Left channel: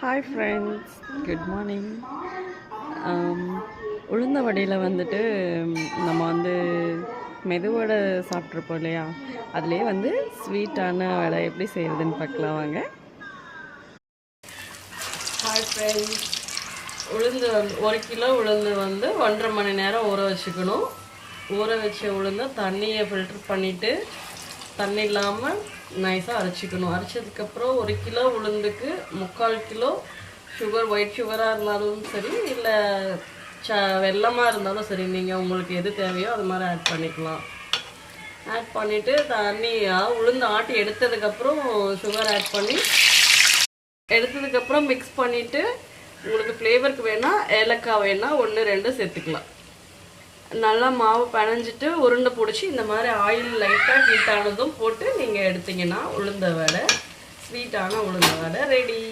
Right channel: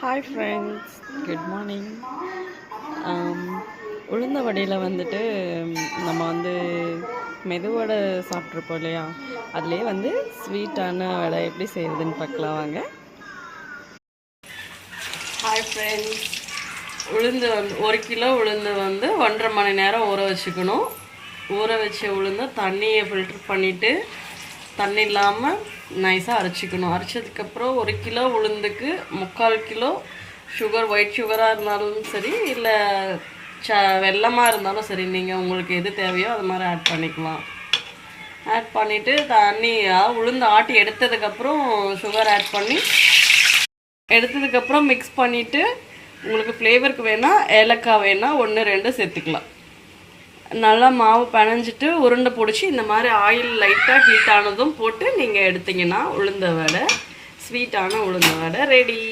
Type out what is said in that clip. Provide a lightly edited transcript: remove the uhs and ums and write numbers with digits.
Hi friends, good morning. உளுந்த வடையில் வந்துட்டு நம்ம மெதுவடை சாப்பிட்ருப்போம் இல்லையா, அதுலேயே ஸ்வீட்டான வடை எப்படி செய்கிறதுன்னு பார்க்கலாம் வாங்க. ஹாய் ஃப்ரெண்ட்ஸ், உளுந்து 1 கிலோ உளுந்து 1.5 மணி நேரம் ஊற வச்சுக்கணும். ஊற வச்ச உளுந்து தண்ணியை ஃபில்ட்ரு பண்ணிவிட்டு தண்ணி இல்லாமல் நைஸாக அரைச்சிக்கணும். அரைச்சதுக்கப்புறம் 1 கிலோ உளுந்துக்கு 3/4 கிலோ சுகர், ஒயிட் சுகராக இருந்தாலும் சரி, இல்லை வெல்லமாக இருந்தாலும் சரி, நீங்கள் உங்களுக்கு எது தேவையோ அது மாதிரி ஆட் பண்ணிக்கலாம். ஆட் பண்ணிவிட்டு உளுந்து ஆட்டி எடுத்ததுக்கப்புறம் சுகர் ஆட் பண்ணி எடுத்ததுக்கப்புறம் மிக்ஸ் பண்ணிவிட்டு உங்களுக்கு ஃப்ளேவருக்கு வேணால் ஏலக்காய் வேணால் 1-2 சேர்த்துக்கலாம். நல்லா மாவு பிணைஞ்சிட்டு உருண்டை பிடிச்சி இந்த மாதிரி ஆயில் லைட்டாக ஹீட் ஆனதும் போட்டு நீங்கள் எடுத்தீங்கன்னா உளுந்த வடை, ஸ்வீட்டான உளுந்த வடை ரெடி.